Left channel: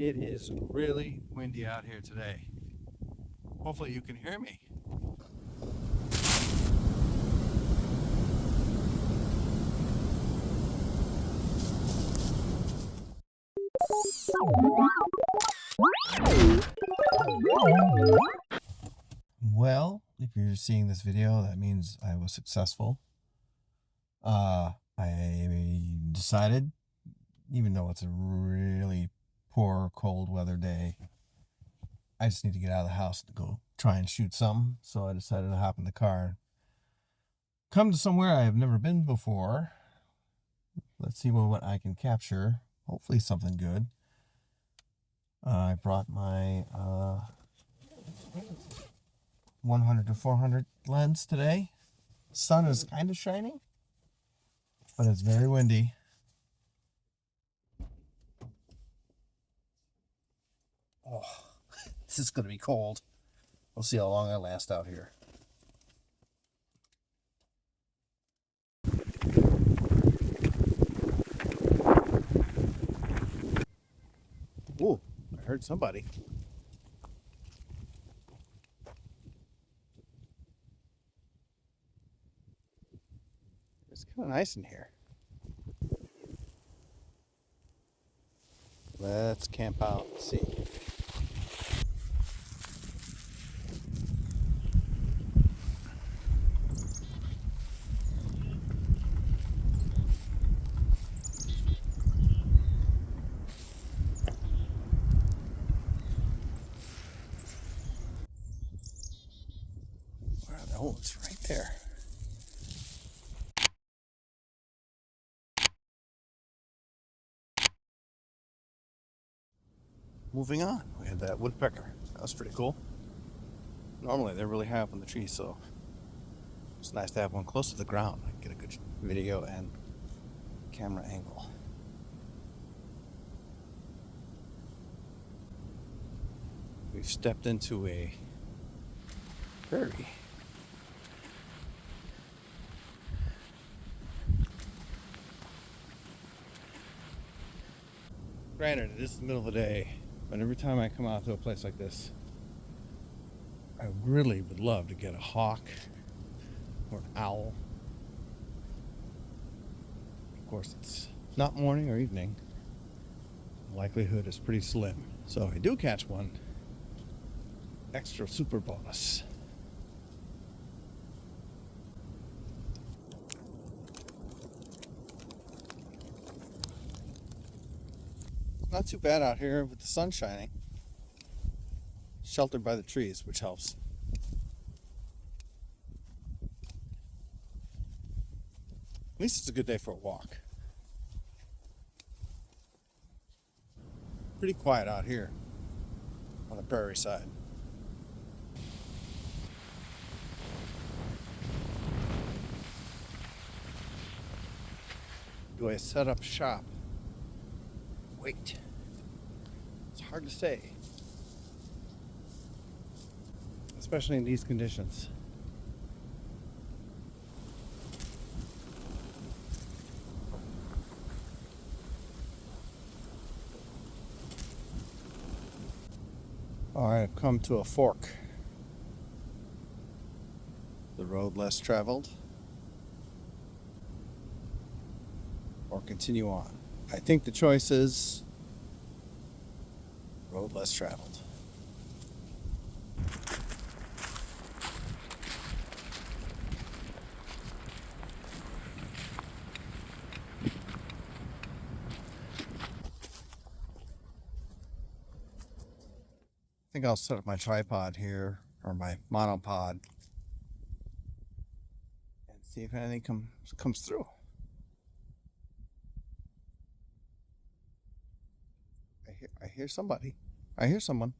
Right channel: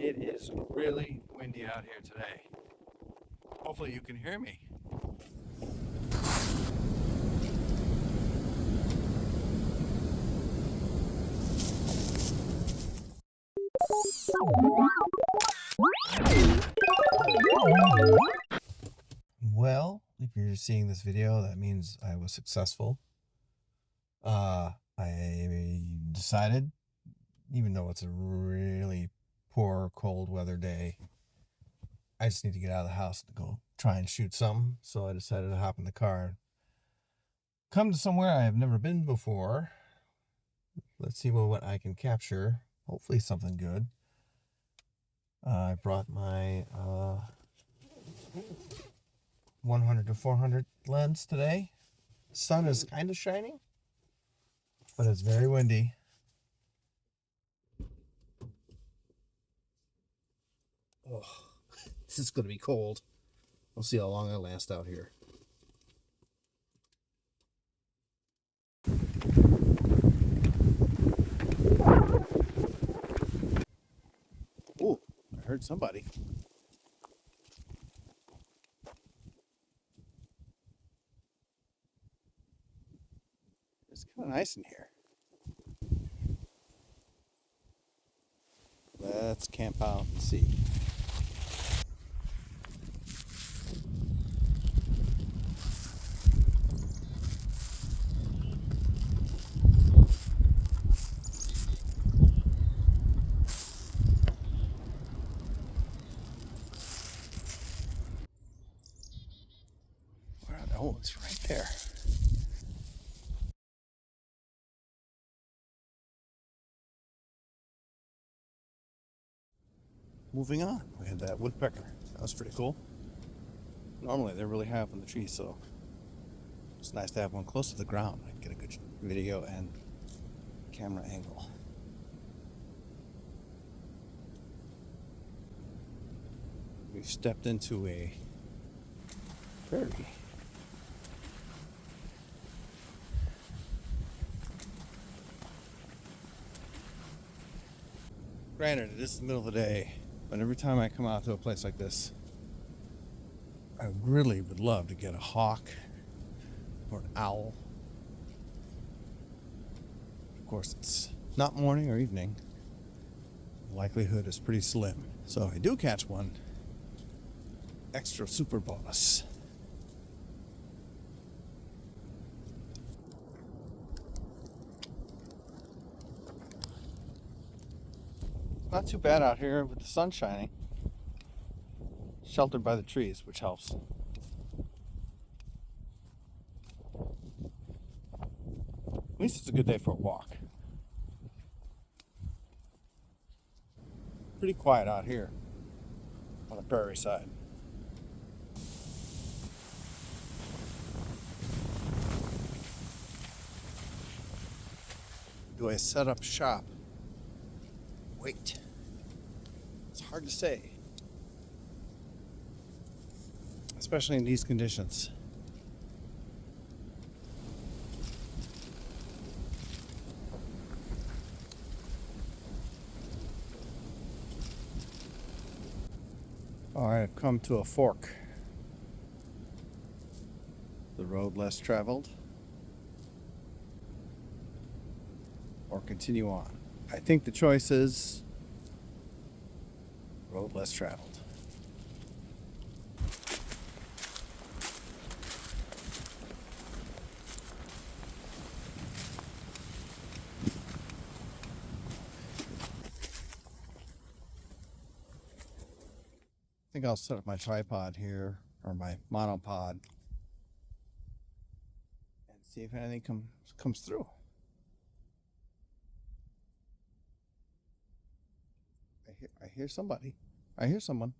It is really windy out here today. Hopefully you can hear me. Well, if you're seeing this video, that means I was successful. I decided, even though it's a really poor cold weather day, I just need to get out of the house to go try and shoot something. So I decided to hop in the car and come to somewhere I have never been before. Let's see what I can capture. Hopefully something good. I brought my 100 to 400 lens today. The sun is kind of shining, but it's very windy. Oh, this is going to be cold. We'll see how long I last out here. Ooh, I heard somebody. It's kind of nice in here. Let's camp out and see. Oh, it's right there. Moving on, we had that woodpecker. That was pretty cool. Normally they're really high up on the tree, so it's nice to have one close to the ground. I can get a good video and camera angle. We've stepped into a prairie. Granted, it is the middle of the day, but every time I come out to a place like this, I really would love to get a hawk or an owl. Of course, it's not morning or evening. The likelihood is pretty slim. So if I do catch one, extra super bonus. Not too bad out here with the sun shining. Sheltered by the trees, which helps. At least it's a good day for a walk. Pretty quiet out here on the prairie side. Do I set up shop? Wait. It's hard to say. Especially in these conditions. Alright, I've come to a fork. The road less traveled. Or continue on. I think the choice is road less traveled. I think I'll set up my tripod here, or my monopod, and see if anything comes through. I hear somebody. I hear someone.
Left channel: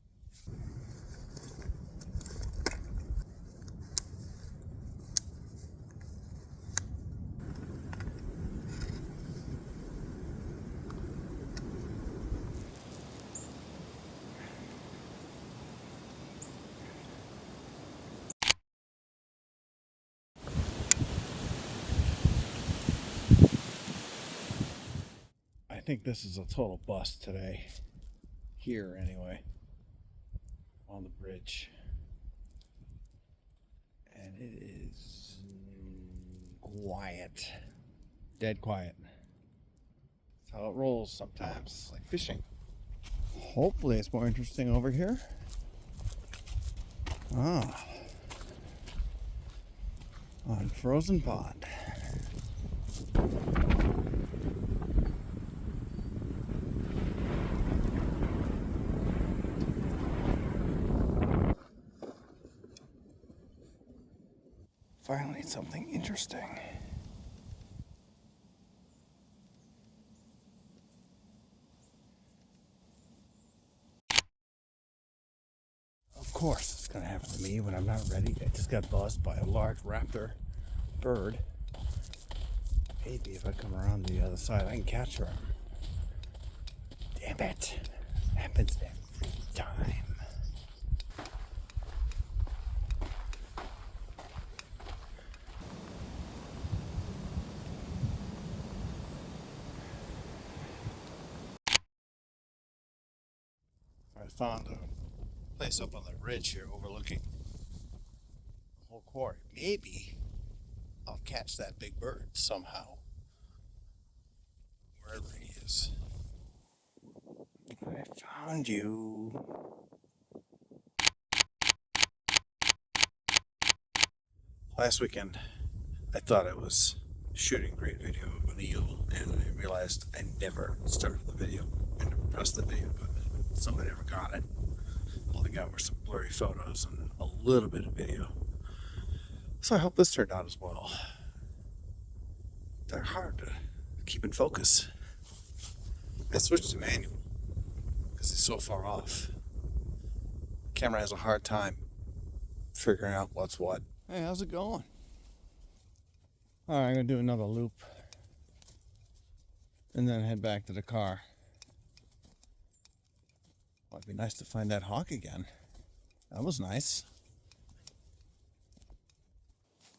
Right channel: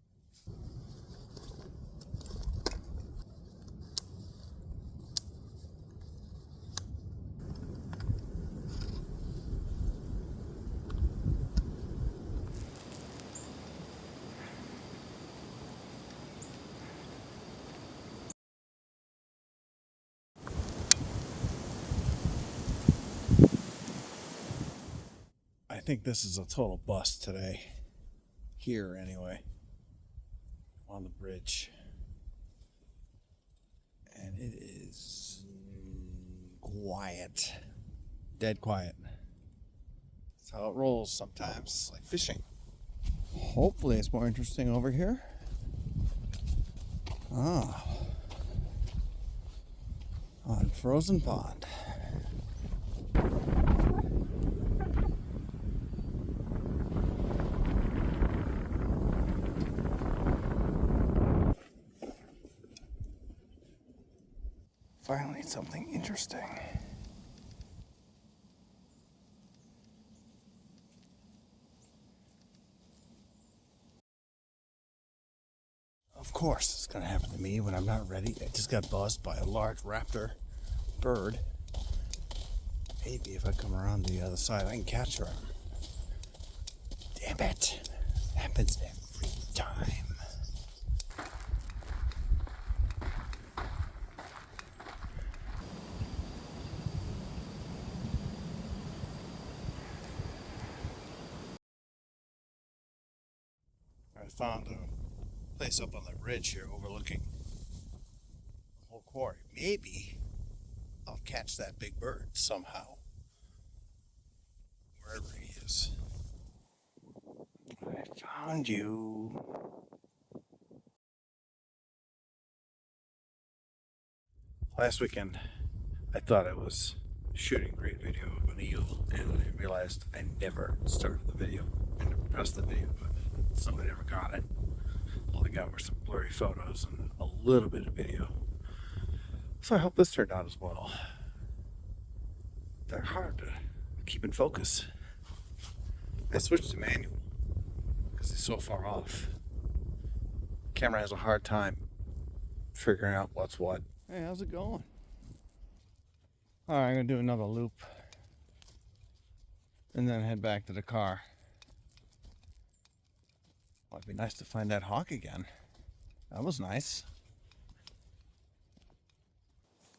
I think this is a total bust today. Here, anyway. On the bridge. And it is quiet. Dead quiet. That's how it rolls sometimes, like fishing. Hopefully it's more interesting over here. Ah. On Frozen Pond. Finally, something interesting. Of course, it's gonna happen to me when I'm not ready. I just got buzzed by a large raptor bird. Maybe if I come around the other side, I can catch her. Damn it. Happens every time. I found a place up on the ridge here overlooking the whole quarry. Maybe I'll catch that big bird somehow. Wherever he is. I found you. Last weekend, I thought I was shooting a great video of an eel, and I realized I never started the video. I never pressed the video button. Somebody never got it. All I got were some blurry photos and a little bit of video. So I hope this turned out as well. They're hard to keep in focus. I switched to manual because it's so far off. Camera has a hard time figuring out what's what. Hey, how's it going? Alright, I'm gonna do another loop and then head back to the car. Well, it'd be nice to find that hawk again. That was nice.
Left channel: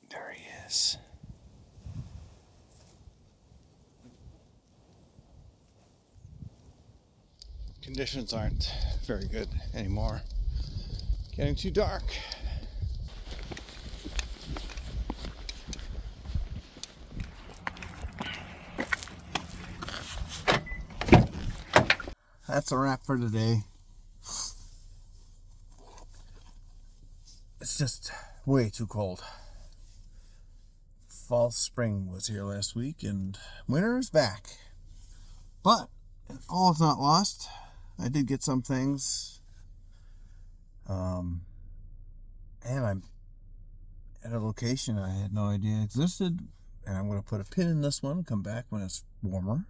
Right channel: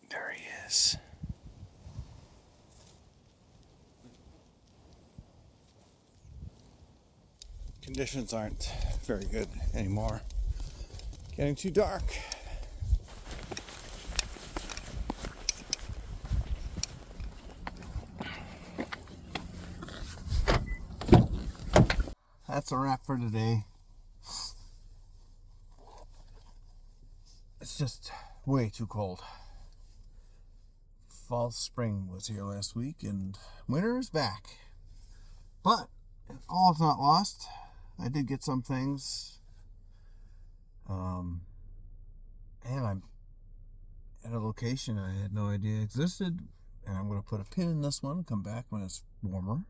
There he is. Conditions aren't very good anymore. Getting too dark. That's a wrap for today. It's just way too cold. Fall, spring was here last week, and winter is back. But all is not lost. I did get some things. And I'm at a location I had no idea existed. And I'm going to put a pin in this one, come back when it's warmer.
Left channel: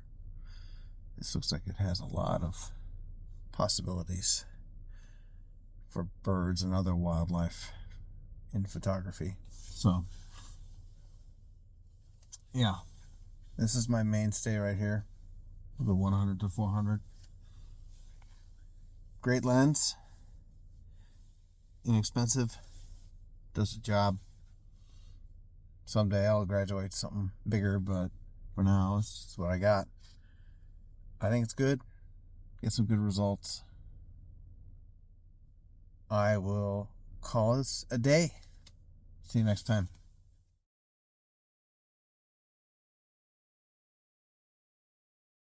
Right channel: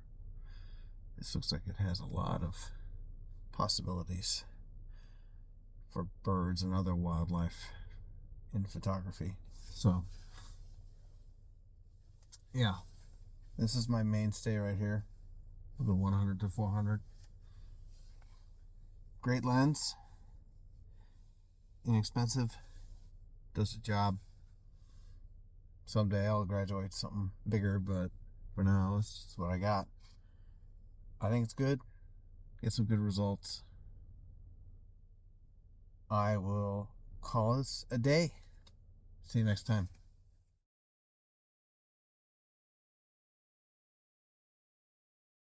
This looks like it has a lot of possibilities for birds and other wildlife in photography. So, yeah, this is my mainstay right here, the 100 to 400. Great lens, inexpensive, does the job. Someday I'll graduate to something bigger, but for now, this is what I got. I think it's good. Get some good results. I will call this a day. See you next time.